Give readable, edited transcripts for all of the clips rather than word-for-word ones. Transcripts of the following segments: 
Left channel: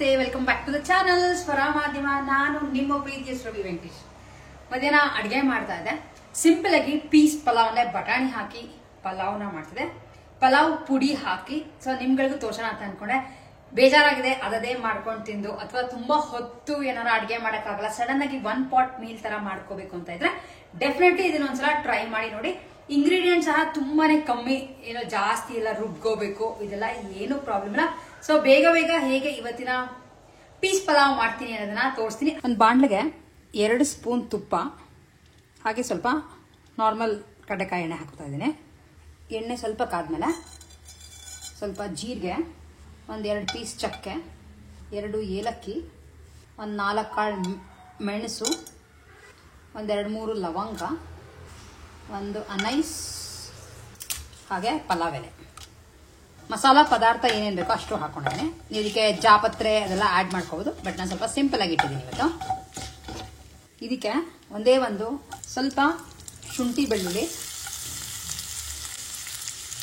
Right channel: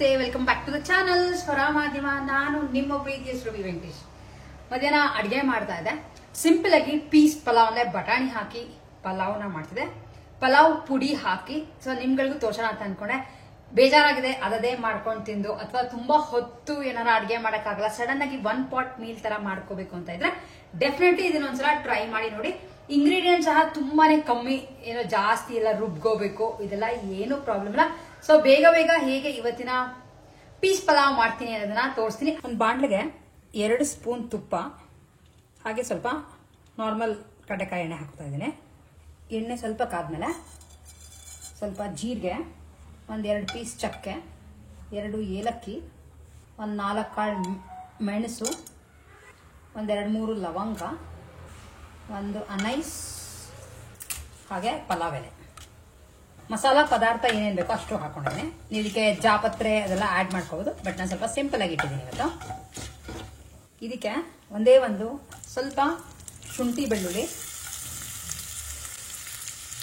ನಮಸ್ತೆ, welcome back to the channel Swara Madhyama. ನಾನು ನಿಮ್ಮ ಪ್ರೀತಿಯ ಶ್ರವಿ ವೆಂಕಟೇಶ್. ಮಧ್ಯಾಹ್ನ ಅಡಿಗೆ ಮಾಡ್ತಾ ಇದ್ದೆ. ಸಿಂಪಲ್ ಆಗಿ ಪೀಸ್ ಪಲಾವ್ ಅಂದ್ರೆ ಬಟಾಣಿ ಹಾಕಿ ಪಲಾವ್ನ ಮಾಡ್ತಿದ್ದೆ. ಪಲಾವ್ ಪುಡಿ ಹಾಕಿ ನಿಮ್ಗಳಿಗೂ ತೋರ್ಸೋಣ ಅಂತ ಅನ್ಕೊಂಡೆ. ಬೇಜಾರಾಗಿದೆ, ಅದೇ ಮಾಡ್ಕೊಂಡು ತಿಂದು ಅಥವಾ ತುಂಬಾ ಹೊತ್ತು ಏನಾರ ಅಡಿಗೆ ಮಾಡಕ್ಕಾಗಲ್ಲ, ಸಡನ್ ಆಗಿ 1 ಪಾಟ್ ಮೀಲ್ ತರ ಮಾಡ್ಕೋಬೇಕು ಅಂತ ಇದ್ರೆ ಡೆಫಿನೆಟ್ಲಿ ಇದನ್ನೊಂದ್ಸಲ ಟ್ರೈ ಮಾಡಿ ನೋಡಿ. ಇಂಗ್ರೀಡಿಯೆಂಟ್ ಸಹ ತುಂಬಾನೇ ಕಮ್ಮಿ, ಏನೋ ಜಾಸ್ತಿ ಎಲ್ಲ ರುಬ್ಕೋಬೇಕು, ಇದೆಲ್ಲ ಏನು ಪ್ರಾಬ್ಲಮ್ ಇಲ್ಲ. ಸೊ ಬೇಗ ಬೇಗ ಹೇಗೆ ಇವತ್ತಿನ ಪೀಸ್ ಪಲಾವ್ ಮಾಡ್ತೀನಿ ಅನ್ನೋದನ್ನ ತೋರಿಸ್ತೀನಿ. ಒಂದು ಬಾಂಡ್ಲಿಗೆ 2 ಸ್ಪೂನ್ ತುಪ್ಪ, ಹಾಗೆ ಸ್ವಲ್ಪ ನಾರ್ಮಲ್ ಕಡಲೆಕಾಯಿ ಎಣ್ಣೆ ಹಾಕ್ತಾ ಇದ್ದೀನಿ. ಎಣ್ಣೆ ಸ್ವಲ್ಪ ಕಾದ್ಮೇಲೆ ಸ್ವಲ್ಪ ಜೀರಿಗೆ, 1-2 ಪೀಸ್ ಚಕ್ಕೆ, 2 ಏಲಕ್ಕಿ, 4 ಕಾಳು ಮೆಣಸು, 1-2-3 ಲವಂಗ, 1 ಅನೈಸ್, ಹಾಗೆ ಪಲಾವ್ ಎಲೆ. ಮಸಾಲಾ ಪದಾರ್ಥ ಏನೇನು ಬೇಕೋ ಅಷ್ಟು ಹಾಕೊಂಡಿದ್ದೀನಿ. ನೀವು ಇದಕ್ಕೆ ಜಾಪತ್ರೆ ಅದೆಲ್ಲ ಆಡ್ ಮಾಡ್ಕೋಬಹುದು, ಬಟ್ ನಾನು ಸ್ವಲ್ಪ ಸಿಂಪಲ್ ಆಗಿ ಇಟ್ಟಿದ್ದೀನಿ ಇವತ್ತು. ಇದಕ್ಕೆ ಒಂದು ಸ್ವಲ್ಪ ಶುಂಠಿ ಬೆಳ್ಳುಳ್ಳಿ,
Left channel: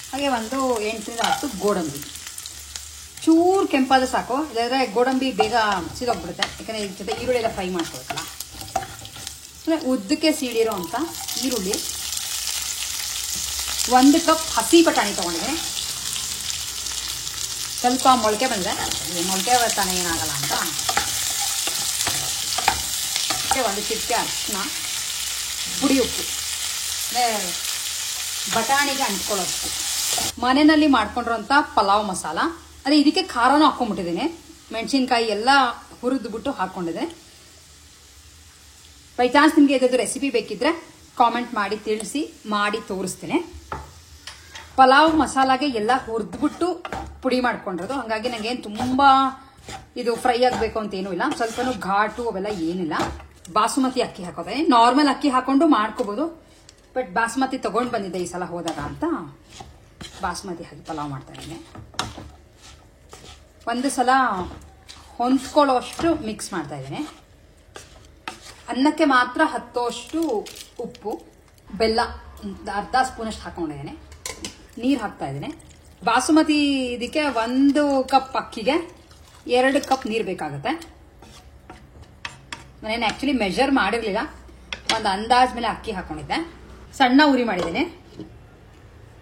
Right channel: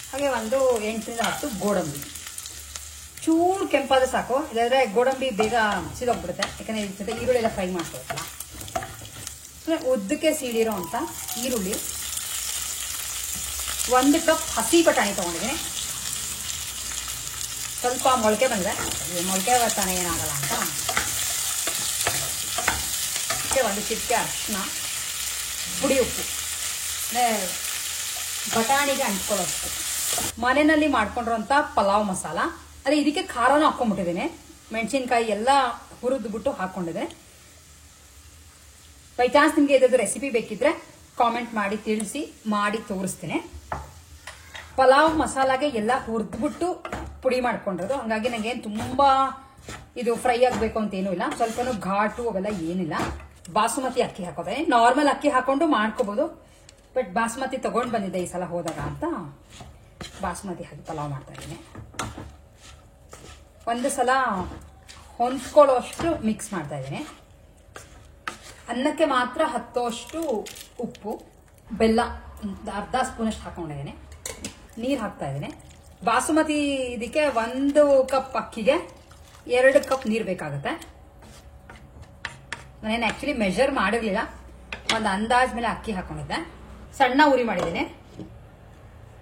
ಹಾಗೆ 8-10 ಗೋಡಂಬಿ. ಚೂರು ಕೆಂಪಾದ ಸಾಕು, ಇಲ್ಲಾಂದ್ರೆ ಗೋಡಂಬಿ ಬೇಗ ಸಿದೋಗ್ಬಿಡುತ್ತೆ, ಯಾಕಂದ್ರೆ ಇದ್ರ ಜೊತೆ ಈರುಳ್ಳಿ ಎಲ್ಲ ಫ್ರೈ ಮಾಡ್ಕೋಬೇಕಲ್ಲ. ಉದ್ದಕ್ಕೆ ಸೀಳಿರೋ ಅಂತ ಈರುಳ್ಳಿ, 1 ಕಪ್ ಹಸಿ ಬಟಾಣಿ ತಗೊಂಡಿದ್ದೀನಿ. ಸ್ವಲ್ಪ ಮೊಳಕೆ ಬಂದ್ರೆ, ಮೊಳಕೆ ಬರ್ತಾನೆ ಏನಾಗಲ್ಲ ಅಂತ 1 ಚಿಟಿಕೆ ಅರಿಶಿನ, ಪುಡಿ ಉಪ್ಪು, ಬಟಾಣಿಗೆ ಅಂಟ್ಕೊಳ್ಳೋಷ್ಟು. ಮನೆಯಲ್ಲಿ ಮಾಡ್ಕೊಂಡಿರೋಂಥ ಪಲಾವ್ ಮಸಾಲ, ಅದೇ ಇದಕ್ಕೆ ಖಾರನೂ ಹಾಕೊಂಡ್ಬಿಟ್ಟಿದ್ದೀನಿ. ಮೆಣಸಿನ್ಕಾಯಿ ಎಲ್ಲ ಹುರಿದ್ಬಿಟ್ಟು ಹಾಕೊಂಡಿದ್ದೀನಿ. ಬೈ ಚಾನ್ಸ್ ನಿಮ್ಗೆ ಇದ್ರದ್ದು ರೆಸಿಪಿ ಬೇಕಿದ್ರೆ ಕಾಮೆಂಟ್ ಮಾಡಿ ತಿಳಿಸಿ, ಮಾಡಿ ತೋರಿಸ್ತೀನಿ. ಪಲಾವ್ ಮಸಾಲಾಗೆ ಎಲ್ಲ ಹುರಿದ್ಬಿಟ್ಟು ಪುಡಿ ಮಾಡ್ಕೊಂಡಿರೋದು, ಹಾಗಾಗಿ ನಂಗೆ ಏನು ತುಂಬಾ ಇದು ಫ್ರೈ ಆಗಬೇಕು ಅಂತ ಏನೂ ಇಲ್ಲ. ಸ್ವಲ್ಪ ಘಾಟು ಅವೆಲ್ಲ ಏನಿಲ್ಲ. ಬಾಸುಮತಿ ಅಕ್ಕಿ ಹಾಕೋದೆ, ನಾರ್ಮಲ್ ಅಕ್ಕಿ ಹಾಕೊಂಡು ಮಾಡ್ಕೋಬಹುದು, ಬಟ್ ಬಾಸುಮತಿ ತಗೊಂಡು ಬಂದಿದ್ದೆ ಈ ಸಲ ಹೋದಾಗ ಅಂತ ಬಾಸುಮತಿ ಹಾಕಿ ಪಲಾವ್ ಮಾಡ್ತಾ ಇದ್ದೀನಿ. ಒಂದು ಸಲ ಹೊಂದ್ಕೊಳ್ಳೋಷ್ಟು ಮಿಕ್ಸ್ ಮಾಡ್ತಾ ಇದ್ದೀನಿ. ಅನ್ನಕ್ಕೆ ಮಾತ್ರ ಹತ್ತೋಷ್ಟು ಉಪ್ಪು, ಬೆಲ್ಲ 1/2 ಸ್ಪೂನಷ್ಟು ಹಾಕೊಂಡಿದ್ದೀನಿ. ನೀರು ಹಾಕ್ತಾ ಇದ್ದೀನಿ. ಬಾಸುಮತಿ ಇದಕ್ಕೆ 1 ಕಪ್ ಅಕ್ಕಿಗೆ 2 ಕಪ್ ನೀರು ಬೇಕಾಗುತ್ತೆ. ನಾನೇನು ಆಕ್ಚುಲಿ ಮೆಜರ್ ಮಾಡಿರ್ಲಿಲ್ಲ, ಒಂದು ಅಂದಾಜ್ ಮೇಲೆ ಅಕ್ಕಿ ಹಾಕೊಂಡಿದ್ದೆ. ಸಣ್ಣ ಉರಿ ಮಾಡಿದ್ದೀನಿ.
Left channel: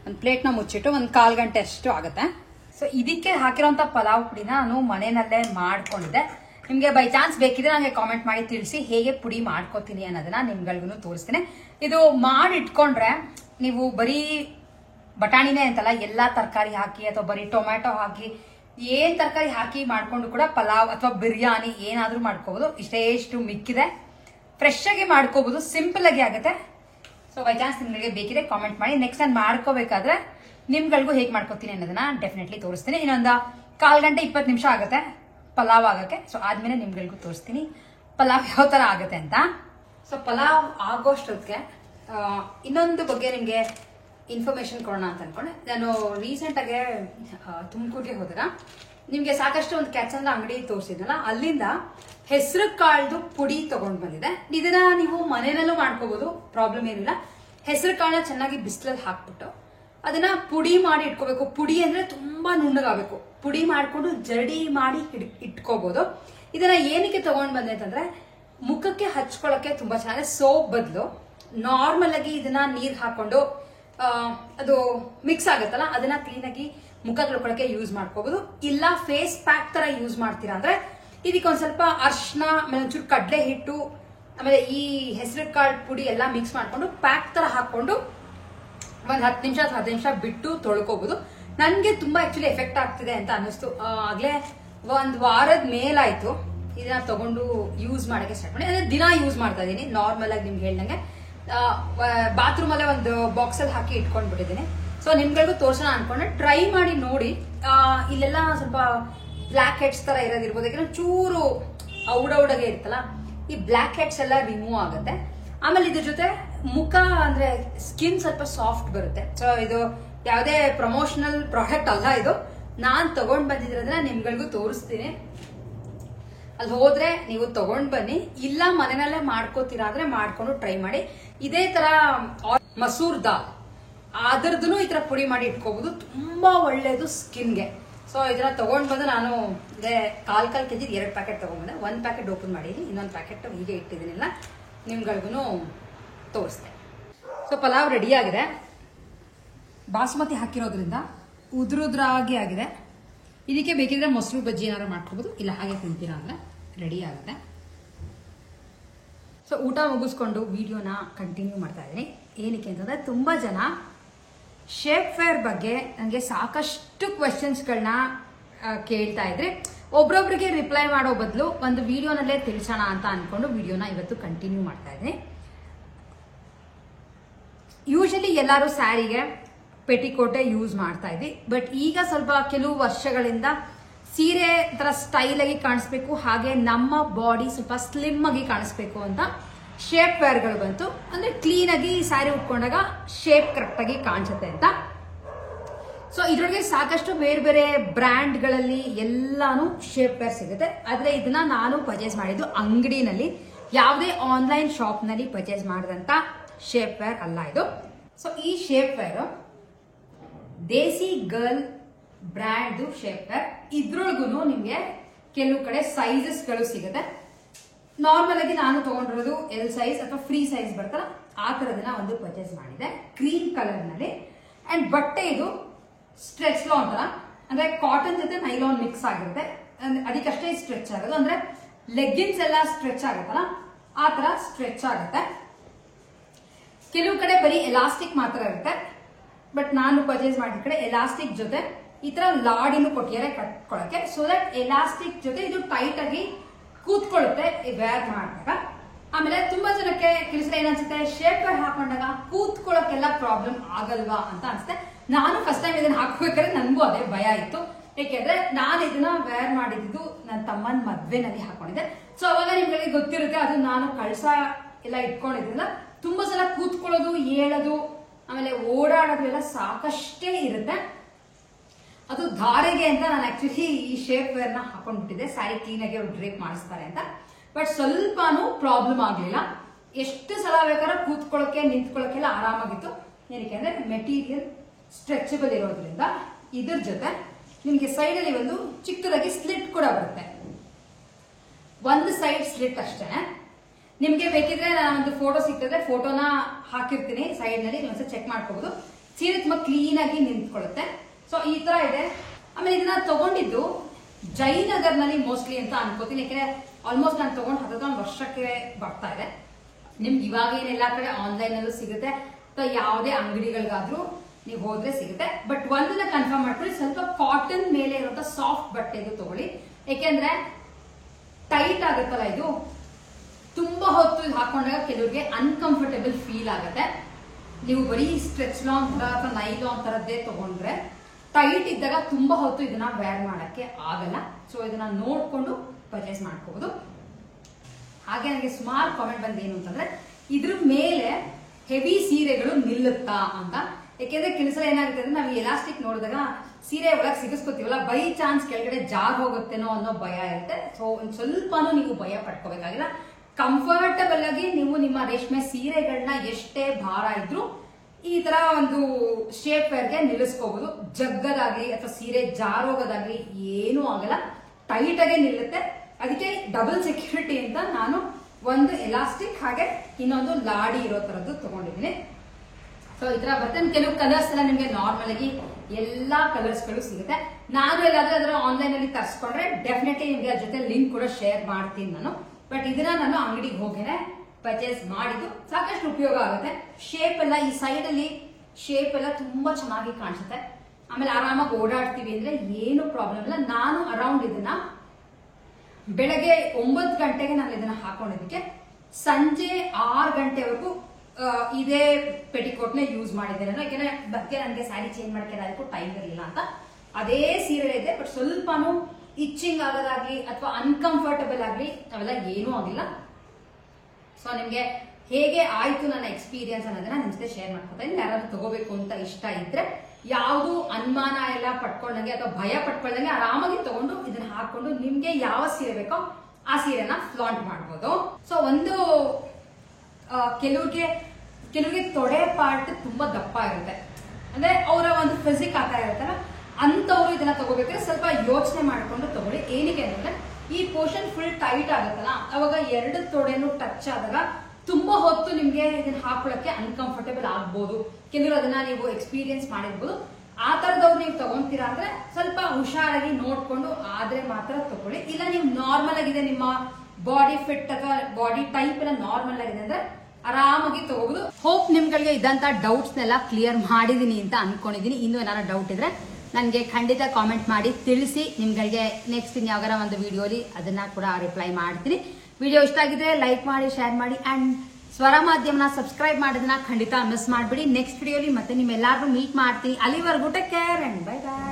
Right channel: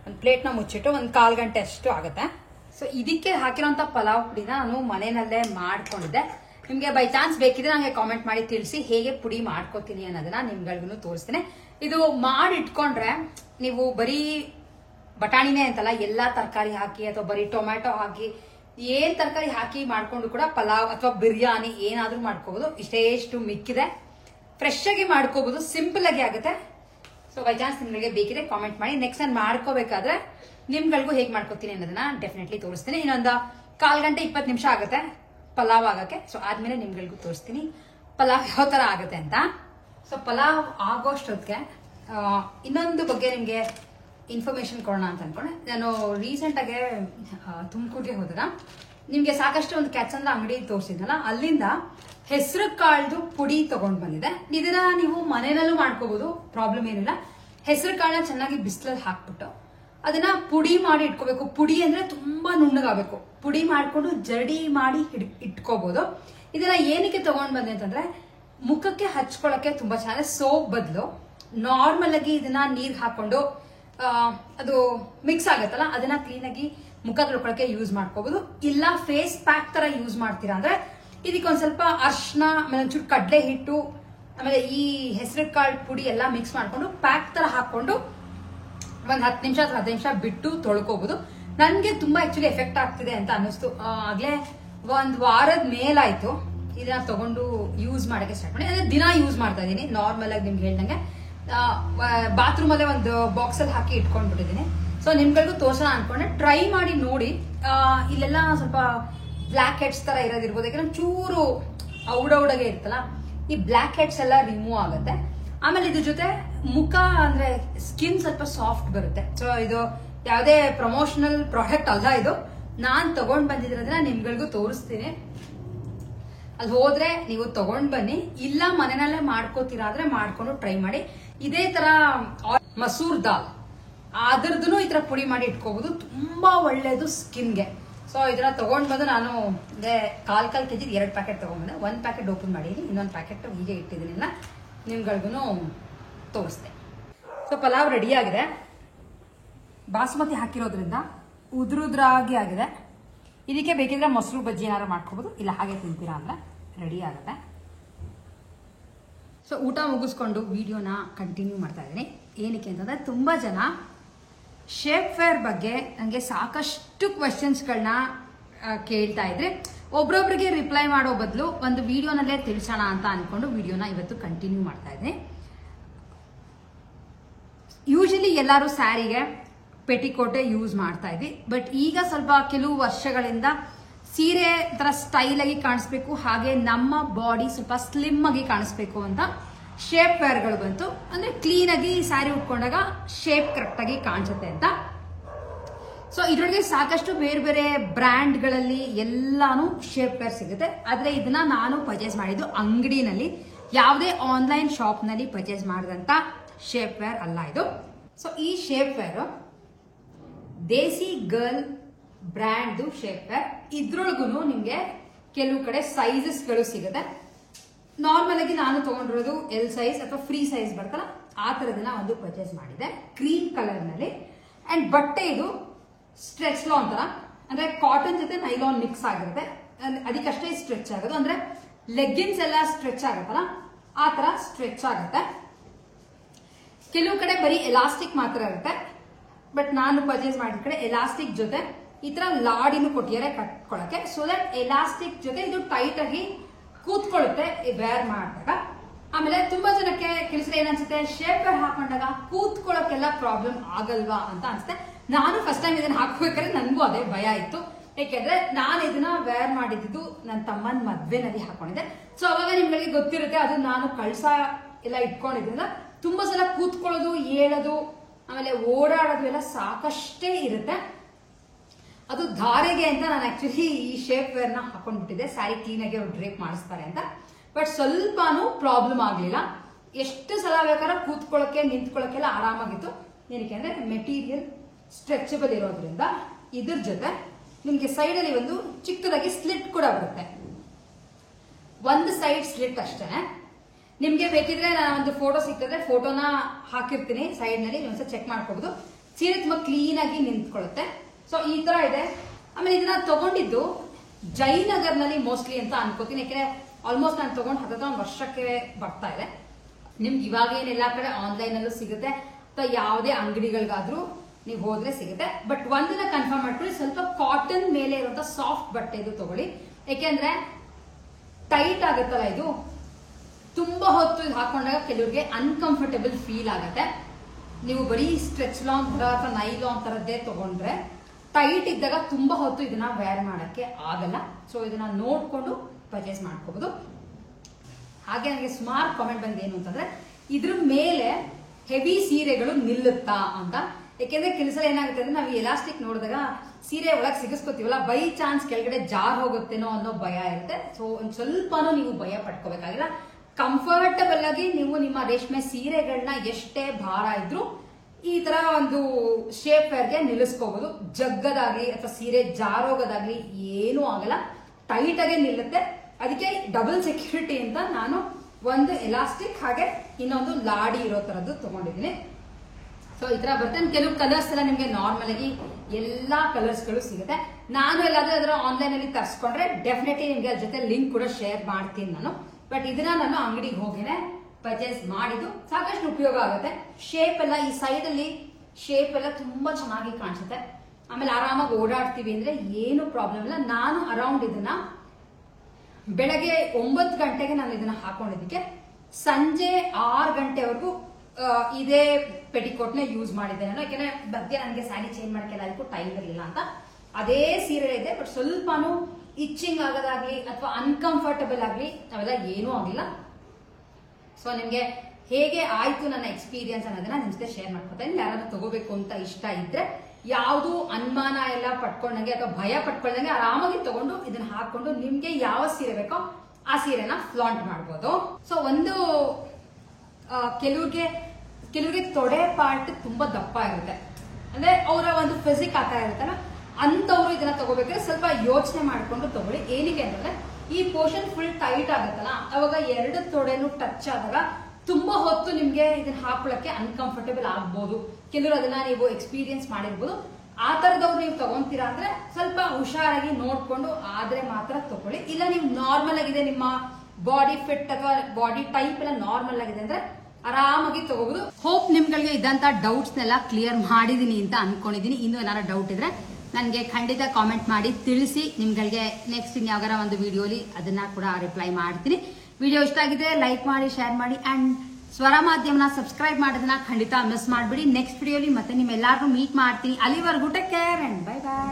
ಒಂದು ಪ್ಲೇಟ್ನ ಮುಚ್ಚಿಟ್ಟು 1/4 ಗಂಟೆ ಅಷ್ಟು ಆಗುತ್ತೆ. ಸೊ ಇದಕ್ಕೆ ಹಾಕಿರೋಂಥ ಪಲಾವ್ ಪುಡಿನ ನಾನು ಮನೆಯಲ್ಲೇ ಮಾಡ್ಕೊಂಡಿದ್ದೆ. ನಿಮ್ಗೆ ಬೈ ಚಾನ್ಸ್ ಬೇಕಿದ್ರೆ ನನಗೆ ಕಾಮೆಂಟ್ ಮಾಡಿ ತಿಳಿಸಿ ಹೇಗೆ ಪುಡಿ ಮಾಡ್ಕೋತೀನಿ ಅನ್ನೋದನ್ನ ನಿಮ್ಗಳಿಗೂ ತೋರಿಸ್ತೀನಿ. ಇದು ಮಾಡಿ ಇಟ್ಕೊಂಡ್ರೆ ನೀವು ಬರೀ ಬಟಾಣಿನೇ ಅಂತಲ್ಲ, ಎಲ್ಲಾ ತರಕಾರಿ ಹಾಕಿ ಅಥವಾ ಬರೀ ಟೊಮ್ಯಾಟೊ ಹಾಕಿ ಏನ್ ತರಕಾರಿ ಹಾಕಿ ಮಾಡ್ಕೊಂಡು ಕೂಡ ಪಲಾವ್ ಅಥವಾ ಬಿರಿಯಾನಿ ಏನಾದ್ರೂ ಮಾಡ್ಕೋಬಹುದು. ಇಷ್ಟು ಮಿಕ್ಕಿದೆ, ಫ್ರೆಶ್ ಆಗಿ ಮಾಡ್ಕೋಬಹುದು, ಸಿಂಪಲ್ ಆಗಿ ಆಗುತ್ತೆ. ಸೊ ಬೈ ಚಾನ್ಸ್ ನಿಮ್ಗಳಿಗೆ ಬೇಕಿದ್ರೆ ಕಾಮೆಂಟ್ ಮಾಡಿ. ನೆಕ್ಸ್ಟ್ ನಾನು ಮಾಡ್ಕೋಬೇಕಾದ್ರೆ ನಿಮ್ಗಳಿಗೂ ಹೇಗೆ ಮಾಡ್ಕೋತೀನಿ ಅನ್ನೋದನ್ನ ಡೆಫಿನೆಟ್ಲಿ ತೋರಿಸ್ತೀನಿ. ಇನ್ನೊಂದು 1/4 ಗಂಟೆ 20 ನಿಮಿಷ ಆಗುತ್ತೆ ಪಲಾವ್ ಆಗಕ್ಕೆ. ಸೊ ಆದ್ಮೇಲೆ ನಿಮ್ಗಳಿಗೂ ತೋರಿಸ್ತೀನಿ ಪಲಾವ್ ಯಾವ ತರ ಆಗುತ್ತೆ ಅಂತ. ಸೊ ಪಲಾವ್ ಆಗೋಷ್ಟೊತ್ತಿಗೆ ಇನ್ನೊಂದು ಬಗ್ಗೆ ನಿಮ್ಗೆ ಇನ್ಫಾರ್ಮೇಶನ್ ಕೊಡೋಣ ಅಂತ ಅನ್ಕೊಂಡೆ. ನಾನು ರೀಸೆಂಟ್ ಆಗಿ ತುಮಕೂರಿಗೆ ಹೋದಾಗ ನಿಮ್ಗೆ ಸಾಕಷ್ಟು ಒಂದು ಕ್ಯಾಚಂದ್ರ ಅಂಗಡಿ ತೋರಿಸಿದ್ನಲ್ಲ, ಅಲ್ಲಿಂದ ಹೆಸರು ಕಾಳ್ದು ಪುಡಿ ತಗೊಂಡ್ ಬಂದಿದೆ. ಇದನ್ನ ನೀವು ಮನೆಯಲ್ಲೂ ಮಾಡ್ಕೋಬಹುದು, ಪ್ರಾಬ್ಲಮ್ ಏನಿಲ್ಲ. ಹೆಸರು ಕಾಳನ್ನ ಚೆನ್ನಾಗಿ ಬಿಸಿಲಲ್ಲಿ ಹಾಕ್ಬಿಟ್ಟು ಅದನ್ನ ಪುಡಿ ಮಾಡಿ ಇಟ್ಕೋಬೇಕು. ಪುಡಿ ಅಂದ್ರೆ ತುಂಬಾ ನುಣ್ಣಗಾಗಬೇಕು. ಪುಡಿ ಮಾಡ್ಕೊಂಡು ಜರಡಿ ಮಾಡಿ ಇಟ್ಕೋಬಹುದು. ಇದನ್ನ ಏನಕ್ಕೆ ತಗೊಂಡ್ ಬಂದೆ ಅಂತಂದ್ರೆ, ಮುಖಕ್ಕೆ ಹಚ್ಕೊಳಕ್ಕೆ ತುಂಬಾ ಚೆನ್ನಾಗಿ. ಸೋಪ್ ಬದಲು ನಾರ್ಮಲ್ ಆಗಿ ಇದನ್ನ ನೀರ್ ಹಾಕೊಂಡು ಅದು ಮಿಕ್ಸ್ ಆಗತ್ತಲ್ಲ, ಅದನ್ನ ಕ್ಲೀನ್ ಆಗಿ ಮುಖ ತೊಳ್ಕೊಳಕ್ಕೆ ಯೂಸ್ ಮಾಡ್ಕೋಬಹುದು. ಇಲ್ಲ ಫೇಸ್ ಪ್ಯಾಕ್ ತರ ಯೂಸ್ ಮಾಡ್ತೀರಾ ಅಂದ್ರೆ ಇದಕ್ಕೆ ಒಂದ್ ಸ್ವಲ್ಪ ಅರ್ಶನ, ಆಮೇಲೆ ಒಂಚೂರು ಕಡಲೆ ಹಿಟ್ಟು, ಆಮೇಲೆ ಈ ಹೆಸರು ಕಾಳು ಪುಡಿ ಎಲ್ಲ ಮಿಕ್ಸ್ ಮಾಡ್ಕೊಂಡು ಪ್ಯಾಕ್ ತರ ಹಾಕೊಂಡು ಒಂದ್ 10 ನಿಮಿಷ ಅಥವಾ 15 ನಿಮಿಷ ಬಿಟ್ಟು ತೊಳ್ಕೋಬಹುದು. ನನ್ಗೆ ತುಂಬಾ ಆಕ್ಚುಲಿ ಎಫೆಕ್ಟ್ ಆಗ್ತಿದೆ ಅಂತ ಅನ್ನಿಸ್ತು. ಆಗ್ಲೇ 1 ವಾರದ ಮೇಲಾಯ್ತು ಇದನ್ನ ತಗೊಂಡು ಯೂಸ್ ಮಾಡಕ್ಕೆ ಸ್ಟಾರ್ಟ್ ಮಾಡಿ. ಅದೇ ದಿನ ಯೂಸ್ ಮಾಡ್ತಾ ಇದೀನಿ. ನಾರ್ಮಲ್ ಆಗಿ ನಿಮ್ಗೆ ಹೇಳ್ದಂಗೆ ಬಾತ್ರೂಮ್ ಅಲ್ಲೇ ಒಂದು ಬಾಕ್ಸ್ ಅಲ್ಲಿ ಹಾಕಿ ಇಟ್ಕೊಂಡ್ಬಿಟ್ಟಿದ್ದೀನಿ. ಸೊ ನಿಮ್ಗಳಿಗೂ ತೋರ್ಸೋಣ ಅನ್ಕೊಂಡೆ, ಟ್ರೈ ಮಾಡಿ ನೋಡಿ. ಇಲ್ಲೆಲ್ಲ ಸ್ವಲ್ಪ ಬ್ಲಾಕ್ ಹೆಡ್ಸ್ ತರ ಇರೋದಿರ್ಬೋದು, ಯಾಕಂದ್ರೆ ಚೂರು ಔಡೌಡಗೆ ಇರುತ್ತಲ್ಲ, ಈ ಬ್ಲಾಕ್ ಹೆಡ್ಸ್ ಎಲ್ಲ ರಿಮೂವ್ ಆಗುತ್ತೆ. ಆಮೇಲೆ ಇದ್ರ ಜೊತೆ ಮುಖ ಅಂದ್ರೆ ಸ್ಕಿನ್ ಸ್ವಲ್ಪ ಸಾಫ್ಟ್ ಬರುತ್ತೆ. ಸೊ ಇದು ಯಾವುದೇ ಪ್ರಮೋಷನಲ್ ಪ್ರಾಡಕ್ಟ್ ಅಲ್ಲ, ಇದು ನಾನ್ ತಗೊಂಡ್ ಬಂದಿದ್ರನ್ನ ನಿಮ್ಗಳಿಗೂ ತೋರಿಸ್ತೀನಿ. ಅಲ್ಲಿ ಹೋದ್ರೆ ನೀವು ತಗೊಂಡ್ ಬನ್ನಿ, ಇಲ್ಲ ಮನೆಯಲ್ಲೇ ಮಾಡ್ಕೋತೀರಾ ಅಂದ್ರೆ ಮಾಡ್ಕೊಂಡು ಟ್ರೈ ಮಾಡಿ. ಇದೇ ತರ ಮಸೂರ್ ದಾಲ್ ಅದ್ರದ್ದು ಈ ತರ ಪುಡಿ ಮಾಡಿ ಇಟ್ಕೋಬಹುದು, ತುಂಬಾ ಒಳ್ಳೇದು ಸ್ಕಿನ್ಗೆ. ಸೊ ಸೊ ಇದನ್ನ ತಗೊಂಡ್ ಬಂದು ನಾನು ಅಂದ್ರೆ ಕಾಲ್ ಕೆಜಿ 2 ಪ್ಯಾಕೆಟ್ ತಗೊಂಡ್ಬಂದೆ. 1 ಪ್ಯಾಕೆಟ್ ಓಪನ್ ಮಾಡಿದೀನಿ, ಇನ್ನೊಂದು ಪ್ಯಾಕೆಟ್ ಹೀಗೆ ಇಟ್ಟಿದ್ದೀನಿಲ್ಲ, ನಿಮ್ಗಳಿಗೂ ತೋರಿಸ್ದೆ. ಸೊ ಪಲಾವ್ ರೆಡಿ ಆಗಿದೆ. ಬಾಸ್ಮತಿ ಹಾಕಿರೋದ್ರಿಂದ ಉದ್ರುದ್ರಾಗಿ ಆಗಿದೆ. ಇದಕ್ಕೆ ಬೇಕಿದ್ರೆ ಮೊಸರು ಬಜ್ಜಿ ಏನಾದ್ರು ಮಾಡ್ಕೋಬಹುದು, ಇಲ್ಲ ಹಾಗೆ ತಿಂತೀರಾ ಅಂದ್ರೆ ರೆಡಿ ಆಗುತ್ತೆ. ಸೊ ಊಟ ಮುಗಿಸ್ಕೊಂಡು ವಿಡಿಯೋನ ಕಂಟಿನ್ಯೂ ಮಾಡ್ತಾ ಇದ್ದೀನಿ. ಏನಕ್ಕೆ ಅಂತಂದ್ರೆ ತುಂಬಾ ಜನ ಶೇಪ್ ವೇರ್ ಬಗ್ಗೆ ನನಗೆ ಸಾಕಷ್ಟು ಕ್ವೆಶನ್ಸ್ಗಳನ್ನ ಕೇಳ್ತಾ ಇದ್ರೆ, ಒಬ್ರೊಬ್ರಿಗೆ ರಿಪ್ಲೈ ಮಾಡೋ ಬದಲು ಒಂದು ವಿಡಿಯೋನಲ್ಲೇ ತಿಳಿಸೋಣ ಅಂತ ಅನ್ಕೊಂಡು ವಿಡಿಯೋನ ಇವತ್ತು ಕಂಟಿನ್ಯೂ ಮಾಡ್ತಾ ಇದ್ದೀನಿ. ಯೂಶಲಿ ಎಲ್ಲರೂ ಸ್ಯಾರಿಗೆ ಪೆಟಿಕೋಟೆ ಯೂಸ್ ಮಾಡ್ತಾ ಇದ್ವಿ, ಬಟ್ ಈಗ ಸ್ವಲ್ಪ ಕೆಲವು ವರ್ಷಗಳಿಂದ ಸೀರೆ ತರ ಸ್ಟೈಲ್ ಆಗಿ ಕಾಣಿಸ್ಬೇಕು, ಹಾಗೆ ನಮ್ಮ ಬಾಡಿ ಸ್ವಲ್ಪ ಸ್ಲಿಮ್ ಆಗಿ ಕಾಣಿಸ್ಬೇಕು ಅಂತ ಶೇಪ್ ವೇರ್ಗಳು ಬಂತು. ಅಂದ್ರೆ ಕ್ಲೀನ್ ಆಗಿ ಸ್ಯಾರಿ ಉಟ್ಕೊಂಡಾಗ ಶೇಪ್ ಕರೆಕ್ಟ್ ಆಗಿ ಕಾಣಿಸುತ್ತೆ ಅಂತ. ಸೊ ಇದ್ರೊಳಗೆ ಸಾಕಷ್ಟು ಬೇರೆ ಬೇರೆ ಬ್ರ್ಯಾಂಡ್ಗಳಲ್ಲಿ ಎಲ್ಲಾನು ಶೇಪ್ ವೇರ್ ಸಿಗುತ್ತೆ. ಆದ್ರೆ ಇದನ್ನ ನಾನು ಪರ್ಚೇಸ್ ಮಾಡಿದ್ದು ಅಂಗಡಿನಲ್ಲಿ, ಯಾವುದೇ ಆನ್ಲೈನ್ ಶಾಪ್ ನಲ್ಲಿ ಪರ್ಚೇಸ್ ಮಾಡಿದಂತ ಶೇಪ್ ವೇರ್ ಅಲ್ಲ ಇದು. ಸೊ ಈ ಶೇಪ್ ವೇರ್ ದೇಸಿ ಗರ್ಲ್ ಬ್ರ್ಯಾಂಡ್ ಶೇಪ್ ವೇರ್. ಇದ್ರೊಳಗೂ ನಿಮ್ಗೆ ಕೆಲವು ಕಡೆ ಸೈಜಸ್ ಗಳು ಸಿಗುತ್ತೆ. ನಾರ್ಮಲ್ ಆಗಿ ನಾನು ತಗೊಂಡಿರೋದು ಎಲ್ ಸೈಜ್ ಅಥವಾ ಫ್ರೀ ಸೈಜ್ ಬರ್ತಲ್ಲ, ಆ ತರದನ್ನ ಒಂದು ಪರ್ಚೇಸ್ ಮಾಡಿದೆ ಕ್ರೀಮ್ ಕಲರ್ ನಲ್ಲಿ. ಅಂಡ್ ಬಟ್ಟೆ ಇದು ಸ್ಟ್ರೆಚ್ ಲಾನ್ ತರ, ಅಂದ್ರೆ ಕಾಟನ್ ಜೊತೆ ನೈಲಾನ್ ಮಿಕ್ಸ್ ಆಗಿರುತ್ತೆ, ಅದಕ್ಕಷ್ಟೇ ಸ್ಟ್ರೆಚ್ ಆಗೋದು. ಅಂದ್ರೆ ಲೆಗ್ಗಿನ್ಸ್ ಎಲ್ಲ ಸ್ಟ್ರೆಚ್ ಆಗುತ್ತಲ್ಲ ಆ ತರ ಸ್ಟ್ರೆಚ್ ಆಗುತ್ತೆ. ಕೆಲವು ಕಡೆ ಬರೀ ಎಲಾಸ್ಟಿಕ್ ಮಾತ್ರ ಇರುತ್ತೆ, ಬಟ್ ನಾನು ಪರ್ಚೇಸ್ ಮಾಡಿದ ಕಡೆ ಎಲಾಸ್ಟಿಕ್ ಜೊತೆ ಈ ತರ ಲಾಡಿನೂ ಕೊಟ್ಟಿದ್ದಾರೆ ಕಟ್ಕೊಳಕ್ಕೆ. ಸೊ ದಟ್ ಎಲಾಸ್ಟಿಕ್ ಜೊತೆ ಇದು ಟೈಟ್ ಆಗಿ ಕೂತ್ಕೊಳ್ಳುತ್ತೆ ವೇರ್ ಮಾಡಿದಾಗ. ಆಮೇಲೆ ತುಂಬಾ ಜನಕ್ಕೆ ಕೆಲಸ ಏನನ್ಸುತ್ತೆ, ಶೇಪ್ ವೇರ್ ಹಾಕೊಂಡಾಗ ಕೂತ್ಕೊಳ್ಳೋಕೆಲ್ಲ ಪ್ರಾಬ್ಲಮ್ ಆಗಲ್ವಾ ಅಂತ ಅನ್ಸುತ್ತೆ. ನಾನು ಫಸ್ಟ್ ಟೈಮ್ ಇದನ್ನ ಹಾಕ್ಬೇಕಾದ್ರೆ ನನ್ಗೂ ಅದೇ ಭಯ ಇತ್ತು. ಯಾಕೆಂದ್ರೆ ನಾನು ಇದನ್ನ ವೇರ್ ಮಾಡಿದ್ದು ನನ್ನ ತಮ್ಮನ ಮದ್ವೆನಲ್ಲಿ ಹಾಕೊಂಡಿದ್ದೆ. ಸೊ ಅವಾಗ ನಿಮ್ಗಳಿಗೆ ಗೊತ್ತಿರುತ್ತೆ, ಅದು ನಾನು ಕಳ್ಸ ಎಲ್ಲ ಇಟ್ಕೊಂಡಿದ್ರಿಂದ ತುಂಬಾ ಸಲ ಕೂತ್ಕೊಳ್ಳೋದು, ಹೇಳೋದು, ಆಮೇಲೆ ಓಡಾಡೋದು ಎಲ್ಲ ಸಾಕಷ್ಟೇ ಇರುತ್ತೆ. ಅದು ಧಾರೆಗೆ ಅಂತ ನಾನು ಆಕ್ಚುಲಿ ಈ ಶೇಪ್ ವೇರ್ ನ ಹಾಕೊಂಡ್ಬಿಟ್ಟಿದ್ದೆ, ಸ್ಯಾರಿ ಕ್ಲೀನ್ ಆಗಿ ಅವ್ರು ಡ್ರೇಪ್ ಮಾಡಿಸ್ತಾರೆ ಅಂತ. ಬಟ್ ಸ್ವಲ್ಪನೂ ಪ್ರಾಬ್ಲಮ್ ಆಗ್ಲಿಲ್ಲ. ಎಷ್ಟು ಸಲ ಬೇಕಾದ್ರೆ ಕೂತ್ಕೊಳ್ಳೋಕೆ ನಿಂತ್ಕೊಳ್ಳೋಕೆಲ್ಲ ಆರಾಮಾಗಿತ್ತು. ಏನಕ್ಕೆ ಅಂದ್ರೆ ಮೆಟೀರಿಯಲ್ ಸ್ಟ್ರೆಚಬಲ್ ಇರೋದ್ರಿಂದ. ಇದ್ರ ಜೊತೆ ನಿಮ್ಗೆ ಸೈಡ್ ಅಲ್ಲಿ ಒಂದು ಚಿಕ್ಕದಾಗಿ ಸ್ಲಿಟ್ ಕೂಡ ಬರುತ್ತೆ, ಒಂದು ಸೈಡ್ ಸ್ಲಿಟ್ ಅಷ್ಟೇ. ನಿಮ್ಗೆ ಬೇಕಿದ್ರೆ ನಾನು ಒಂದು ಫೋಟೋ ಸಿಕ್ಕಿದ್ರೆ ಫೋಟೋನ ಹಾಕಿರ್ತೀನಿ ಸೈಡ್ ನಲ್ಲಿ, ಒಂದ್ಸಲ ಚೆಕ್ ಮಾಡ್ಕೋಬಹುದು. ಸೀರೆ ತುಂಬಾ ಕ್ಲೀನ್ ಆಗಿ ನಿಂತ್ಕೊಳ್ಳುತ್ತೆ. ಸೊ ಈ ತರ ಇದೆ. ಆಮೇಲೆ ಇದನ್ನ ತಗೊಂಡಿದ್ದು ಜಯನಗರ್ ನಲ್ಲಿ ಮೋಸ್ಟ್ಲಿ ಅಂತ ಅನ್ಕೋತೀನಿ, ಯಾಕಂದ್ರೆ ಆಲ್ಮೋಸ್ಟ್ ನಾನು ತಗೊಂಡು 11 ವರ್ಷಕ್ಕೆ ಬರ್ತಾ ಇದೆ. ನಿಮ್ಗೆ ಇವಾಗ ಏನ್ ಎಲ್ಲಾ ಕಡೆ ಆನ್ಲೈನ್ ಅಲ್ಲೂ ಸಿಗುತ್ತೆ ಅಥವಾ ಯಾವುದೇ ಅಂಗಡಿಗಳಿಗಾದ್ರೂ ನೀವು ಹೋದ್ರೆ ಸಿಗುತ್ತೆ. ಬಟ್ ಒಂದನ್ನ ಕನ್ಫರ್ಮ್ ಮಾಡ್ಕೊಳ್ಳಿ, ಸ್ವಲ್ಪ ಕಾಟನ್ ಮೇಲೆ ಇರುವಂತ ಸಾಫ್ಟ್ ಬಟ್ಟೆ ಇದು ತಗೊಳ್ಳಿ. ಯಾಕೆಂದ್ರೆ ಟೈಟ್ ಆಗುತ್ತಲ್ಲ ಇದು, ತುಂಬಾ ಹೊತ್ತು ಇದು ಹಾಕೊಂಡಾಗ ಕೆಲವ್ರಿಗೆ ಅನ್ಕಂಫರ್ಟೇಬಲ್ ಫೀಲ್ ಆಗುತ್ತೆ. ನೀವು ಬರೀ ಸ್ಟ್ರೆಚ್ ಲಾನ್ ತರ ಅಥವಾ ನೈಲಾನ್ ತರದ್ದೇ ತಗೊಂಡ್ರೆ ಟೈಟ್ ಇದ್ದಾಗ ತುಂಬಾ ಹೊತ್ತು ಇದನ್ನ ವೇರ್ ಮಾಡಕ್ಕೆ ಆಗಲ್ಲ. ಸೊ ಇದನ್ನ ನೋಡ್ಕೊಂಡು ಪರ್ಚೇಸ್ ಮಾಡ್ಕೋಬಹುದು. ಹಾಗೆ ನನಗೆ ಸುಮಾರು ಕಾಮೆಂಟ್ ಬಂದ ಏನು ಅಂತಂದ್ರೆ, ಇದ್ರ ಮೇಲೆ ಹೆವಿ ಸೀರೆಗಳು ನಿಲ್ಲುತ್ತಾ ಅಂತ. ಯಾಕೆಂದ್ರೆ ಕೆಲಸ ಏನಾಗುತ್ತೆ ಅಂದ್ರೆ, ನಾವು ಎಲಾಸ್ಟಿಕ್ ನೋಡಿದಾಗ ಸೀರೆ ಒಳಗೆ ಸಿಗಿಸ್ಕೊತೀವಲ್ಲ, ಬೈ ಚಾನ್ಸ್ ಕೆಳಗಡೆ ಜಾರ್ ಹೋಗುತ್ತೇನೋ ಅನ್ನೋ ಭಯ ಇರುತ್ತೆ. ಸೊ ಒಂದ್ ಸ್ವಲ್ಪನೂ ನೀವು ಭಯ ಪಡ್ಕೋಬೇಕಾಗಿಲ್ಲ. ಕಂಫರ್ಟಬಲ್ ಆಗಿ ನೀವು ನಿಮ್ಮ ರೇಷ್ಮೆ ಸೀರೆಗಳನ್ನ ಎಷ್ಟೇ ಭಾರ ಇದ್ರು ಈ ತರ ಒಂದು ಶೇಪ್ ವೇರ್ಗೆ ನಿಲ್ಲಿಸ್ಕೋಬಹುದು. ಜಗ್ಗದಾಗ್ಲಿ ಅಥವಾ ಸೀರೆ ಜಾರೋಗೋದಾಗ್ಲಿ ಏನೂ ಆಗಲ್ಲ, ಟೈಟ್ ಆಗೇ ನಿಲ್ಲುತ್ತೆ. ಅದಕ್ಕೆ ಡಬಲ್ ಸೆಕ್ಯೂರಿಟಿ ಅಂತ ನಾನು ಒಂದು ಎಲಾಸ್ಟಿಕ್ ಹಾಗೆ ಇನ್ನೊಂದು ಲಾಡಿ ಇರೋ ತರದ್ದು ತಗೊಂಡಿದ್ದೀನಿ. ಸೊ ಈ ತರ ಬರ್ತೇನೆ. ಕೆಲವು ಕಲರ್ಸ್ ಎಲ್ಲ ನಿಮ್ಗೆ ನಾರ್ಮಲ್ ಆಗಿ ಎಲ್ಲಾ ಕಲರ್ಸ್ ಗಳು ಸಿಗುತ್ತೆ. ನಾನು ಎಲ್ಲಾದ್ರೂ ಅದರ ಆನ್ಲೈನ್ ಅಲ್ಲಿ ತರಿಸ್ಕೊಂಡ್ರೆ ಡೆಫಿನೆಟ್ಲಿ ನಿಮ್ಗೆ ಅದ್ರ ಜೊತೆ ಲಿಂಕ್ ಕೂಡ ಶೇರ್ ಮಾಡ್ತೀನಿ ನಾನು. ಬಟ್ ಇದನ್ನ ನಾನು ಅಂಗಡಿಗೆ ಹೋಗಿನೇ ಪರ್ಚೇಸ್ ಮಾಡಿದ್ದು. ಸಾಕಷ್ಟು ಉಪಯೋಗ ಆಗುತ್ತೆ. ಶೇಪ್ ಎಲ್ಲ ಈ ಸೈಡ್ ಅಲ್ಲಿ ಶೇಪ್ ಎಲ್ಲ ತುಂಬಾ ಚೆನ್ನಾಗಿ ಕಾಣಿಸುತ್ತೆ. ಆಮೇಲೆ ಆರಾಮಾಗಿ ಓಡಾಡ್ತೀವಿ ಅಂದ್ರೆ ಏನು ಪ್ರಾಬ್ಲಮ್ ಇಲ್ಲ. ನಾನು ಅರೌಂಡ್ ಇದನ್ನ ಬೆಳಗ್ಗೆ 9 ಗಂಟೆಗೆ ನಾನು ಇದನ್ನ ಹಾಕೊಂಡಿದ್ದಕ್ಕೆ ಸಂಜೆ 6 ಗಂಟೆವರೆಗೂ ಇದೇ ಪೆಟಿಕೋಟ್ ನ ಯೂಸ್ ಮಾಡಿದ್ದೇನೆ. ಯಾಕೆಂದ್ರೆ ಬಗ್ಗೆ ನನಗೆ ಸ್ಯಾರಿ ಚೇಂಜ್ ಮಾಡಕ್ಕೆ ಅದಕ್ಕೂ ಟೈಮ್ ಇರಲಿಲ್ಲ ಅಂತ. ಅದೇ ಸೀರೆ ಇದೆ, ಬಟ್ ಸ್ವಲ್ಪನೂ ಇಚ್ಚಿಂಗ್ ಆಗೋದಾಗ್ಲಿ ಅಥವಾ ಅನ್ಕಂಫರ್ಟಬಲ್ ಆಗ್ಲಿ ಅವೆಲ್ಲ ಏನೂ ಆಗಿಲ್ಲ. ಸೊ ನಿಮ್ಗೆ ಹೇಗೆ ಆಯ್ತು ನನ್ನ ಎಕ್ಸ್ಪೀರಿಯನ್ಸ್ ಅನ್ನೋದನ್ನ ನಿಮ್ ಜೊತೆ ಶೇರ್ ಮಾಡ್ಕೊತೀನಿ. ಯಾರಾದ್ರೂ ತಗೋಬೇಕು ಅಂತ ಇಷ್ಟ ಇದ್ರೆ, ಯಾವುದು ಅನುಮಾನ ಎಲ್ಲ ಪಟ್ಕೊಂಡಂಗೆ ಅಥವಾ ಭಯ ಪಟ್ಕೊಂಡಂಗೆ ಆರಾಮಾಗಿ ತಗೊಂಡು ಇದನ್ನ ಹಾಕೊಂಡು ನಿಮ್ಗೆ ಯಾವ ಸೀರೆ ಬೇಕೋ ಆ ಸೀರೆನ ಫ್ಲಾಂಟ್ ಮಾಡ್ಬೋದು. ಸೊ ಒಂದು ಕೆಲವ್ರಿಗೆ ತೊಡೆ ಪಾರ್ಟ್ ತುಂಬಾ ದಪ್ಪ ಇರುತ್ತೆ, ಅಂದ್ರೆ ಅವರ ಒಂದು ಫಿಸಿಕ್ ಆಕಾರ ಇರುತ್ತಲ್ಲ ಅಂತವ್ರು ಇದನ್ನ ತಗೋಬೇಕಾದ್ರೆ ಸ್ವಲ್ಪ ಯೋಚನೆ ಮಾಡ್ಕೊಂಡು ತಗೊಳ್ಳಿ. ಏನಕ್ಕೆ ಅಂತಂದ್ರೆ ಈ ಪೋರ್ಷನ್ ಫುಲ್ ಟೈಟ್ ಆಗುತ್ತಲ್ಲ, ಅವಾಗ ಎರಡು ತೊಡೆನು ಟಚ್ ಆದಾಗ ತುಂಬಾ ಹೊತ್ತು ನಿಮ್ಗೆ ಇದನ್ನ ಹಾಕೊಳ್ಳಕ್ಕೆ ಅನ್ಕಂಫರ್ಟೇಬಲ್ ಆಗ್ಬೋದು. ಕೆಲವರು ಅದನ್ನ ನೀವು ಎಕ್ಸ್ಪೀರಿಯನ್ಸ್ ಮಾಡಿರ್ಬೋದು. ಆ ತರದವ್ರು ನೀವು ತಗೊಂತೀರಾ ಅಂದ್ರೆ ಸ್ವಲ್ಪ ಹುಷಾರಾಗಿ ನೋಡ್ಕೊಂಡು ಆದ್ರೆ ಮಾತ್ರ ತಗೊಳ್ಳಿ. ಇಲ್ಲ ನೀವು ನಾರ್ಮಲ್ ಆಗಿದೆ, ನಿಮ್ಮ ಬಾಡಿ ಫಿಟ್ ಅಥವಾ ಬಾಡಿ ಟೈಪ್ ಎಲ್ಲ ನಾರ್ಮಲ್ ಆಗಿದೆ ಅಂದ್ರೆ ಆರಾಮಾಗಿ ತಗೋಬಹುದು. ಹೋಪ್ ನಿಮ್ಗಳಿಗೆ ಇದ್ದಂತ ಡೌಟ್ಸ್ ನೆಲ್ಲ ಕ್ಲಿಯರ್ ಮಾಡಿದೀನಿ ಅಂತ ಅನ್ಕೊಂಡಿದೀನಿ. ಇನ್ನು ಏನಾರ ಡೌಟ್ ಇದ್ರೆ ನನಗೆ ಖಂಡಿತ ಕಾಮೆಂಟ್ ಮಾಡಿ ತಿಳಿಸಿ. ನಿಮ್ಗಳಿಗೆ ನೆಕ್ಸ್ಟ್ ಯಾವಾಗಾರ ಒಂದು ವಿಡಿಯೋಲಿ ಅದನ್ನ ಕೂಡ ರಿಪ್ಲೈ ಮಾಡ್ತೀನಿ. ವಿಡಿಯೋ ಇಷ್ಟ ಆಗಿದ್ರೆ ಲೈಕ್ ಮಾಡಿ, ಶೇರ್ ಮಾಡಿ ಅಂಡ್ ಸ್ವರ ಮಾಧ್ಯಮನ ಸಬ್ಸ್ಕ್ರೈಬ್ ಮಾಡೋದನ್ನ ಖಂಡಿತ ಮಿಸ್ ಮಾಡ್ಬಿಡಿ. ನೆಕ್ಸ್ಟ್ ವಿಡಿಯೋಲಿ ಮತ್ತೆ ನಿಮ್ಮೆಲ್ಲರೂ ಮೀಟ್ ಮಾಡ್ತೀನಿ. ಅಲ್ಲಿವರೆಗೂ take care and bye bye.